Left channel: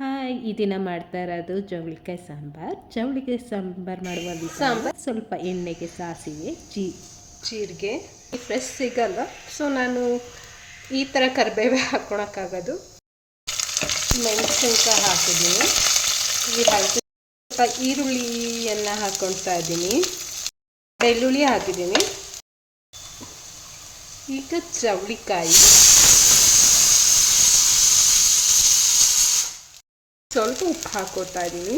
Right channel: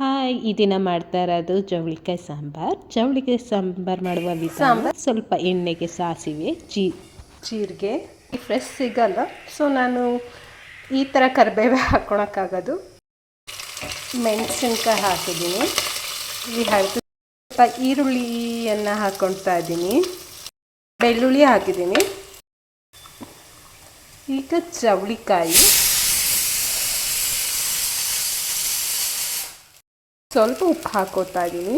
Hi ಈ ದಿನ ಮಾಡ್ತಾ ಇರೋದು ಜವಳಿಕಾಯಿ ಸಾಂಬಾರು. ಜವಳಿಕಾಯಿ ಸಾಂಬಾರು ಮಾಡುವ ವಿಧಾನ ಸ್ವಲ್ಪ ಎಣ್ಣೆಗೆ ಸಾಸಿವೆ ಜೀ ಜೀರಿಗೆ. ಫ್ರೆಶ್ ಸಿಗಲ್ಲ. ಸೊ ನಾನು ಈ ಥರ ಕರಿಬೇವೆ ಹಾಕ್ಕೊಳಕ್ಕಾಗೋದು ಮೆಣಸಿನ್ಕಾಯಿ ಹಾಕಿದ್ದೀನಿ. ಈ ಹಳದಿ ಸ್ವಲ್ಪ ಈರುಳ್ಳಿಯನ್ನು ಹಾಕ್ಕೊಳ್ತಾ ಇದ್ದೀನಿ. ಬೆಳ್ಳುಳ್ಳಿ ಹಾಕಿದ್ದೀನಿ. ಈಗ ಚವಳಿಕಾಯಿ ಸ್ವಲ್ಪ ಉಪ್ಪು ಹಾಕೋತಾ ಇದ್ದೀನಿ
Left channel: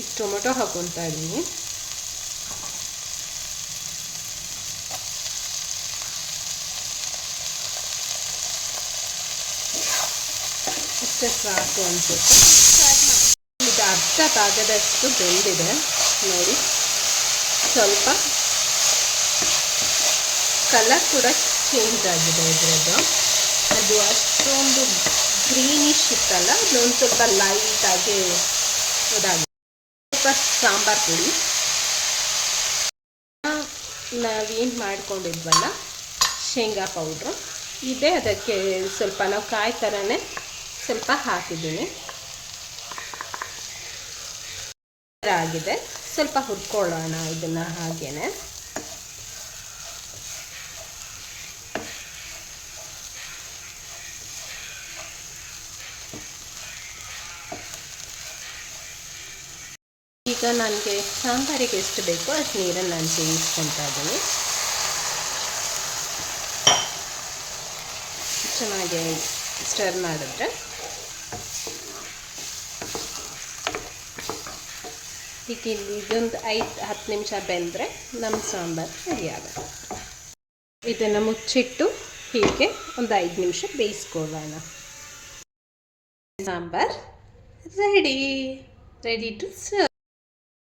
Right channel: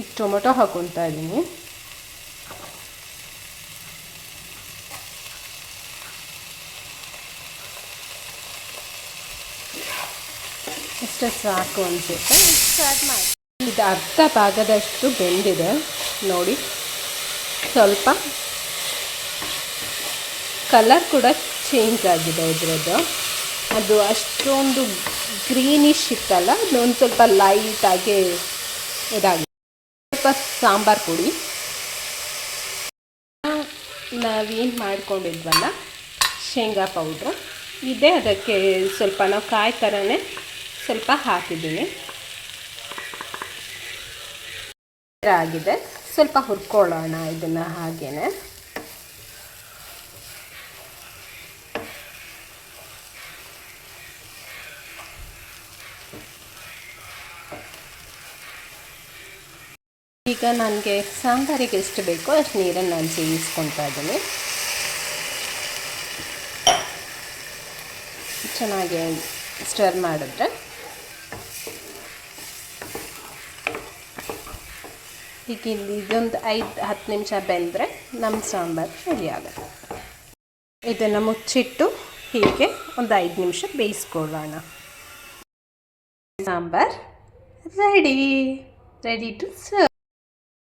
ಈಗ ಟೊಮೆಟೊ ಹಾಕೊತಾ ಇದ್ದೀನಿ ಇಷ್ಟೇ ಸಾಕು ಅನಿಸುತ್ತೆ. ಸ್ಟಾರ್ಟ್ ಮಾಡಿ ಇದು ಅರ್ಧ ಭಾಗದಷ್ಟು ಬೆಂದಿದೆ. ನೋಡಿ, ಸ್ವಲ್ಪ ಕಲರ್ ಕೂಡ ಚೇಂಜ್ ಆಗಿದೆ ಇದರದ್ದು. ಅದು ಅಷ್ಟೊಂದು ಗ್ರೀನಿಶ್ ಇತ್ತಲ್ಲ, ಅದೊಂದು ಸ್ವಲ್ಪ ಲೈಟಾಗಿ ಇದಾಗಿದೆ ಸ್ವಲ್ಪ ಸಾಂಬಾರು ಪುಡಿ. ನಾವೇನು ಮಾಡ್ಕೊಂಡಿದ್ವಲ್ಲ, ಶೇಂಗಾ ಪೌಡ್ರು. ಇದೆ, ಅದಕ್ಕೆ ಸ್ವಲ್ಪ ನಾವು ಕಾಯಿ ಥರನೇ ಸ್ವಲ್ಪ ಹಾಕಿದ್ದೀನಿ. ಆಗಿದೆ. ಸ್ವಲ್ಪ ಹುರ್ಕೊಳ್ಳೋಣ ಇದನ್ನು ಹಾಗೇನೆ. ಈಗ ನನಗೆ ಸಾಂಬಾರಿಗೆ ಎಷ್ಟು ಬೇಕೋ ಅಷ್ಟು ನೀರನ್ನು ನಾನು ಸೇರಿಸ್ಕೊತಾ ಇದ್ದೀನಿ. ಚೆನ್ನಾಗಿ ಸ್ಟರ್ ಮಾಡುತ್ತೆ ಈಗ ಇಲ್ಲಿ ಇದೊಂದು ಐದು, ಹತ್ತು ನಿಮಿಷ ಬೆಂದರೆ ನಮ್ಮ ಸಾಂಬಾರು ರೆಡಿ ಆಗುತ್ತೆ. ಇದನ್ನು ಮುಚ್ಚಿಟ್ಟು ಹೀಗೆ ಒಂದು ಐದು ನಿಮಿಷ ಬೇಯಿಸ್ಕೊಳ್ಳೋಣ. Sambar ready ready to serve